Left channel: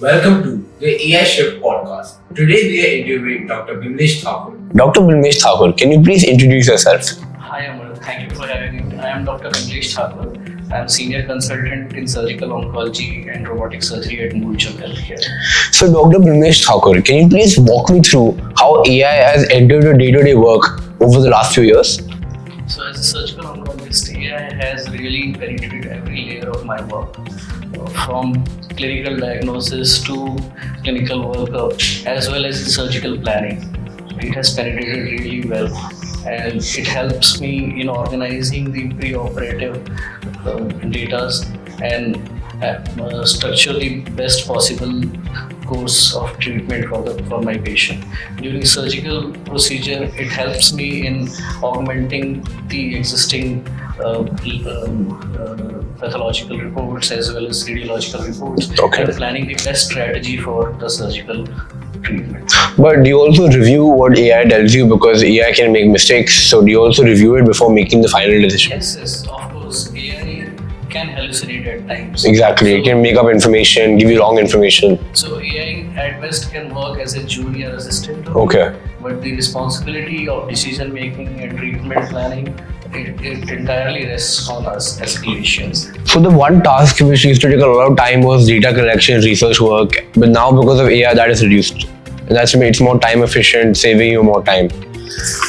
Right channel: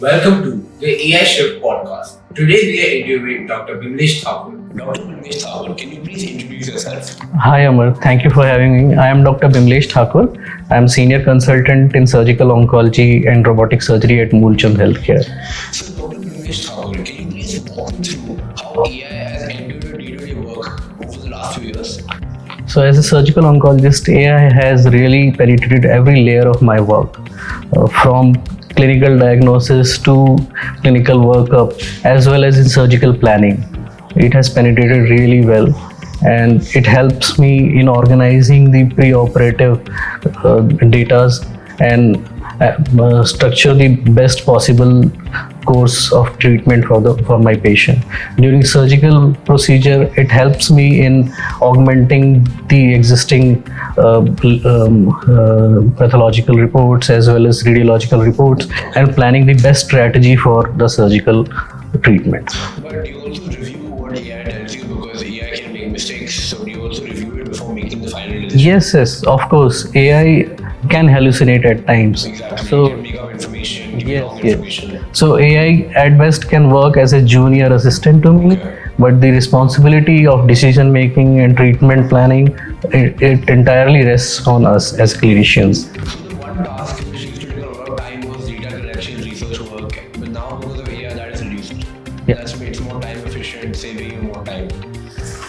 Welcome to the AI Shift podcast. Today we are interviewing Dr. Bimlesh Thakur. Dr. Bimlesh Thakur, can you please introduce yourself? Hi Amar, thank you for having me. I am Dr. Bimlesh Thakur. I am Senior Consultant in Surgical Oncology and Robotic Surgery at Moolchand Healthcare. So Dr. Bimlesh Thakur, can you please walk me through how AI has entered your day-to-day work over the last few years? So as a surgical oncologist, AI has really penetrated every layer of my work, from clinical diagnosis to clinical workup, as well as in surgical planning. It has penetrated really well, and it helps me in organizing the pre-operative data and structure the best possible course of treatment for my patient. During surgical procedure, it helps me in augmenting the existing pathological reports as well as radiological reports, and planning the best strategy for the surgical treatment. But do you also review what AI tells you, because AI can make mistakes? So do you also review it before making the final decision? Yes, of course. AI can hallucinate at times. Exactly. It can make up information, give you wrong information. So AI at best can work as a junior assistant to me, but the responsibility of decision making and treatment planning, it entirely rests on us as clinicians. So the one task which used to take a lot of time was data collection, research work, but now because of AI that is reduced. And that's made it more time efficient, saving you more time.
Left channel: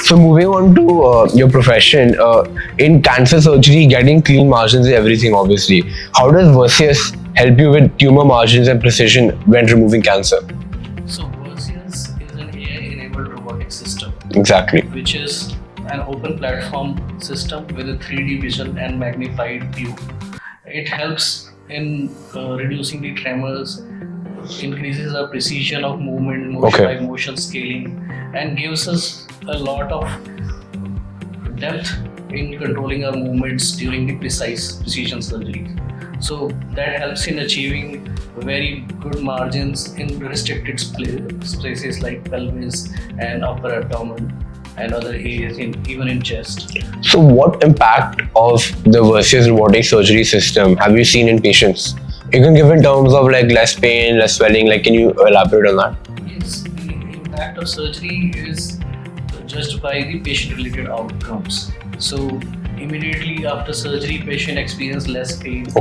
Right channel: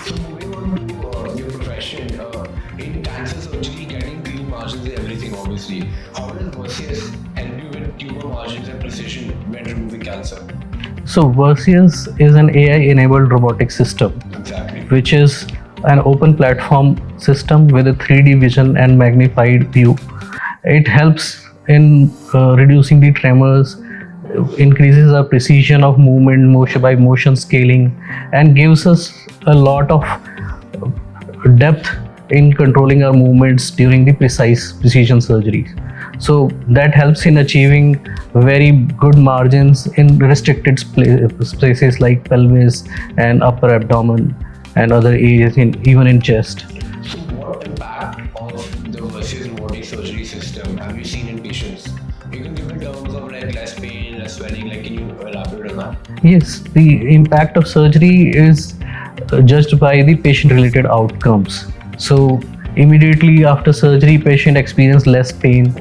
So moving on to your profession, in cancer surgery, getting clean margins is everything obviously. How does Vercius help you with tumor margins and precision when removing cancer? So Vercius is an AI-enabled robotic system. Exactly. Which is an open platform system with a 3D vision and magnified view. It helps in reducing the tremors, increases our precision of movement by motion scaling, and gives us a lot of depth in controlling our movements during the precision surgeries. So that helps in achieving very good margins in restricted places like pelvis and upper abdomen and other areas, even in chest. So what impact of the Vercius robotic surgery system have you seen in patients? You can give in terms of like less pain, less swelling, like can you elaborate on that? Yes, the impact of surgery is judged by the patient-related outcomes. So immediately after surgery, patient experience less pain.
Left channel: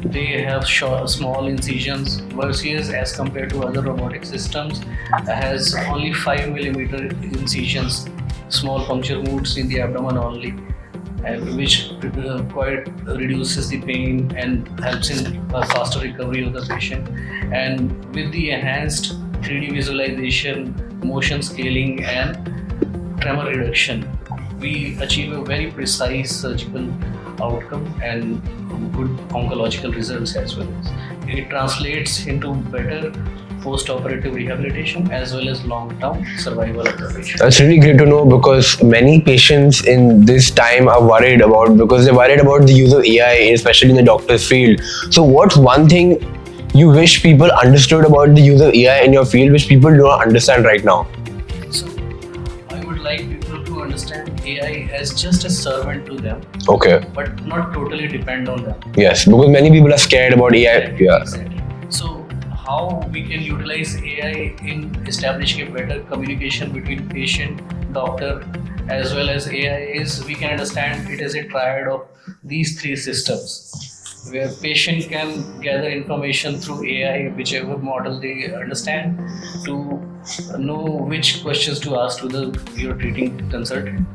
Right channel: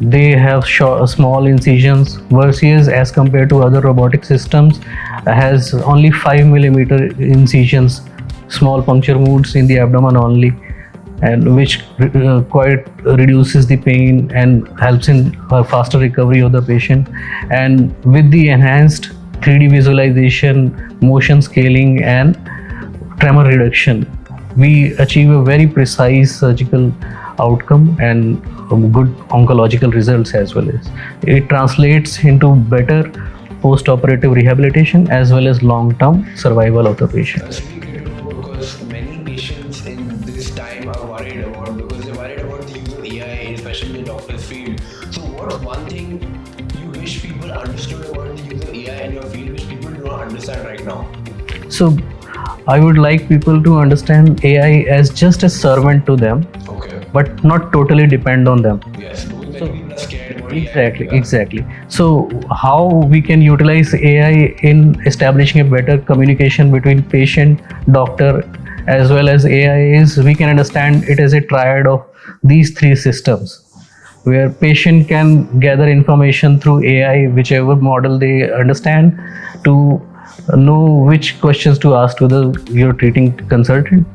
They have small incisions. Vercius, as compared to other robotic systems, has only 5 millimeter incisions, small puncture wounds in the abdomen only, and which quite reduces the pain and helps in faster recovery of the patient. And with the enhanced 3D visualization, motion scaling, and tremor reduction, we achieve a very precise surgical outcome and good oncological results as well as. It translates into better post-operative rehabilitation as well as long-term survival of the patient. That's really great to know, because many patients in this time are worried about the use of AI, especially in the doctor's field. So what's one thing you wish people understood about the use of AI in your field which people do not understand right now? So I would like people to understand AI as just a servant to them, but not totally depend on them. Yes, because many people are scared about AI. Exactly. So how we can utilize AI in establishing a better communication between patient, doctor, as well as AI is we can understand it as a triad of these three systems, where patient can gather information through AI, whichever model they understand, to know which questions to ask to your treating consultant,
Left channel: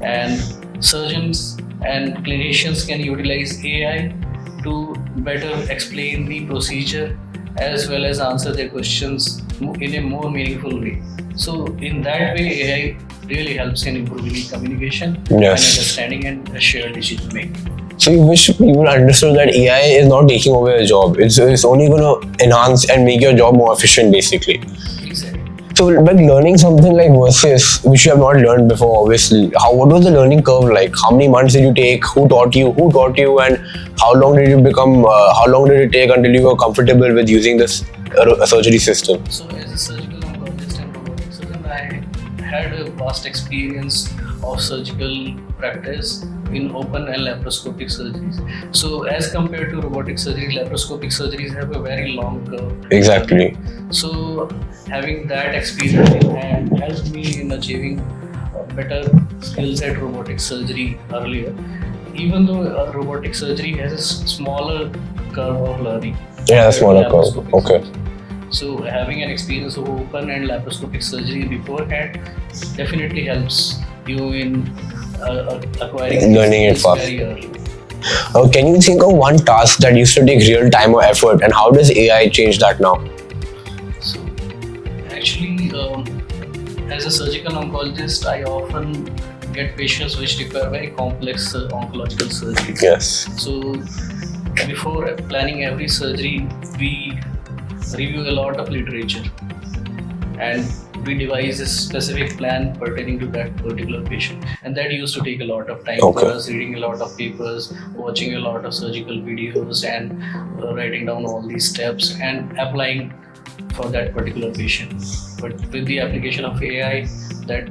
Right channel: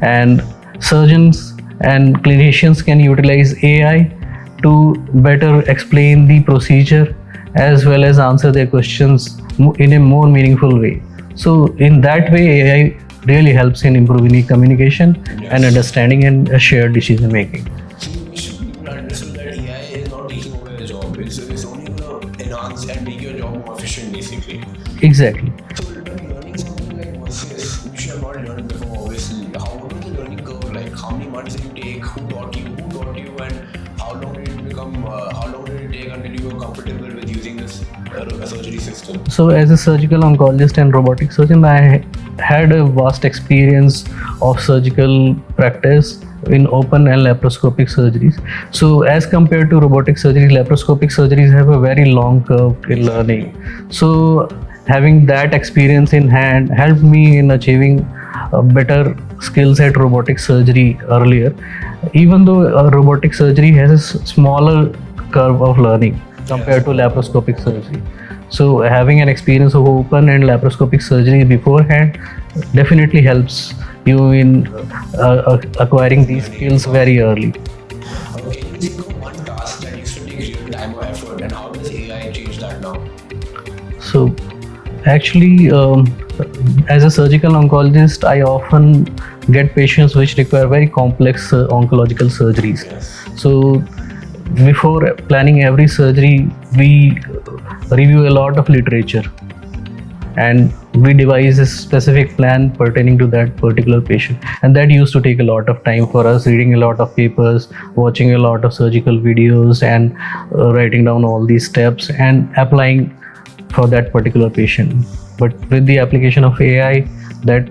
and surgeons and clinicians can utilize AI to better explain the procedure as well as answer their questions in a more meaningful way. So in that way, AI really helps in improving the communication and understanding and shared decision making. So you wish people understood that AI is not taking over your job. It's only going to enhance and make your job more efficient, basically. Exactly. So, like learning something like Vercius, which you have not learned before, obviously, what was the learning curve like? How many months did you take? Who taught you? And how long did it take until you were comfortable with using this? surgery system? So as a surgical oncologist and robotic surgeon, I had a vast experience of surgical practice in open and laparoscopic surgeries. So as compared to robotic surgeries, laparoscopic surgeries have a very long curve. Exactly. So having that experience in hand helped me in achieving better skills at robotic surgery earlier, even though robotic surgery has a smaller curve of learning compared to laparoscopic surgery. So having an experience of open and laparoscopic surgery beforehand definitely helps you in acquiring these skills very early. Can you think of one task that used to take real time or effort, and how does AI change that now? So actually, as a surgical oncologist, I often get patients which require very complex oncological surgeries. Yes. So before planning every surgery, we review a lot of literature and we devise a specific plan pertaining to that particular patient, and that used to take a lot of time for us, reading a lot of papers, watching a lot of surgical videos, and writing down all these steps and applying for that particular patient. But with the application of AI, that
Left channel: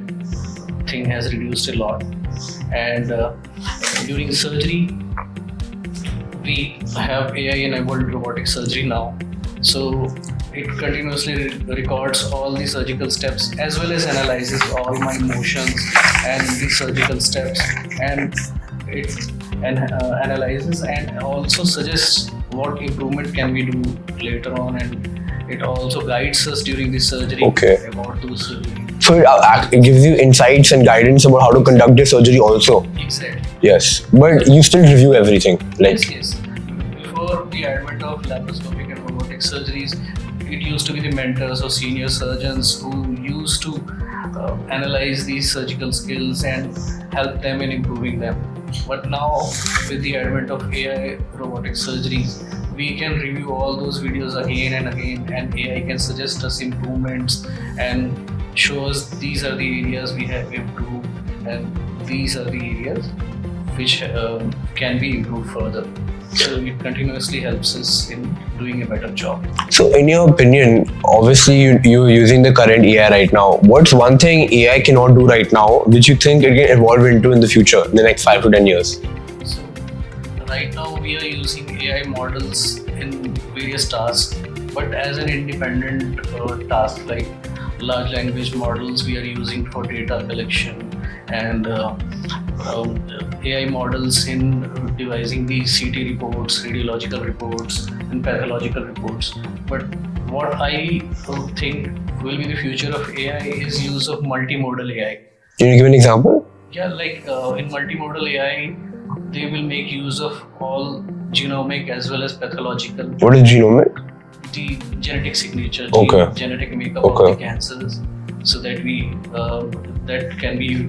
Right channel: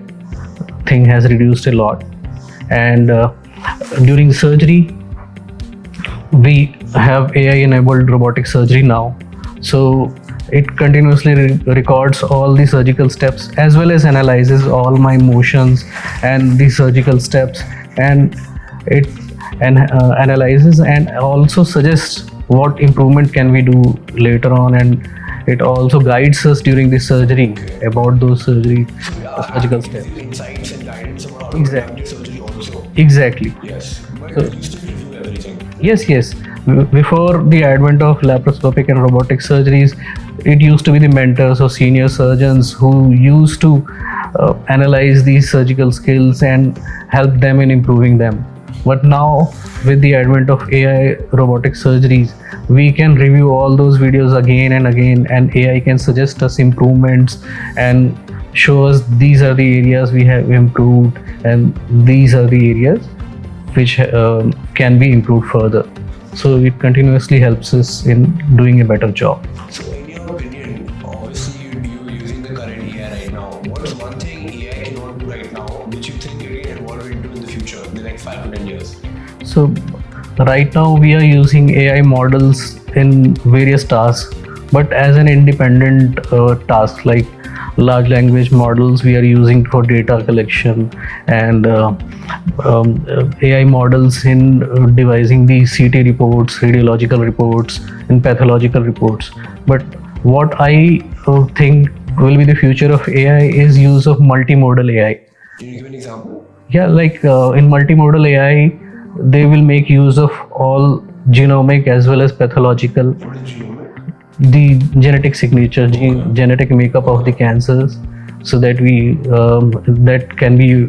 thing has reduced a lot. And during surgery, we have AI enabled robotic surgery now. So it continuously records all the surgical steps as well as analyzes all my motions and the surgical steps, and it analyzes and also suggests what improvement can we do later on, and it also guides us during the surgery about those surgeries. So it gives you insights and guidance about how to conduct the surgery also. Exactly. Yes, but you still review everything. Yes. Before the advent of laparoscopic and robotic surgeries, it used to be the mentors or senior surgeons who used to analyze these surgical skills and help them in improving them. But now, with the advent of AI robotic surgeries, we can review all those videos again and again, and AI can suggest us improvements and show us these are the areas we have improved and these are the areas which can be improved further. So it continuously helps us in doing a better job. So in your opinion, obviously you're using the current AI right now. What's one thing AI cannot do right now which you think it can evolve into in the future, in the next 5 to 10 years? So right now we are using AI models in various tasks, but as an independent task, like large language models we are using for data collection, and AI models in devising the CT reports, radiological reports, and pathological reports. But what I think will be the future of AI is use of multimodal AI. Can you give an example? Yeah, like in multimodal AI, they will make use of all genomic as well as pathological. What is genomic? The genetic signature, genetic makeup of the cancers, so that that can be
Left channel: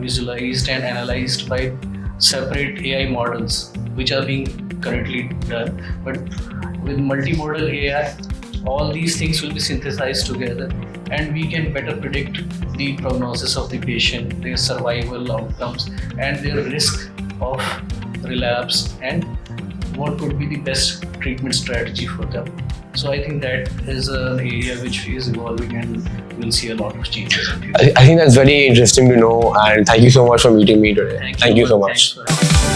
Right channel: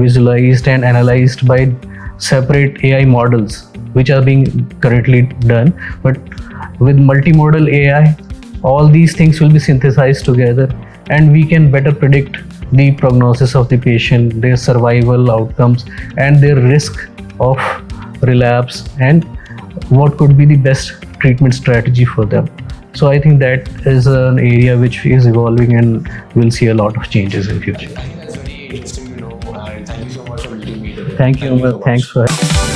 visualized and analyzed by separate AI models, which are being currently done. But with multimodal AI, all these things will be synthesized together, and we can better predict the prognosis of the patient, their survival outcomes, and their risk of relapse, and what could be the best treatment strategy for them. So I think that is an area which is evolving and we'll see a lot of changes in future. I think that's very interesting to know, and thank you so much for meeting me today. Thank you so much. Thanks for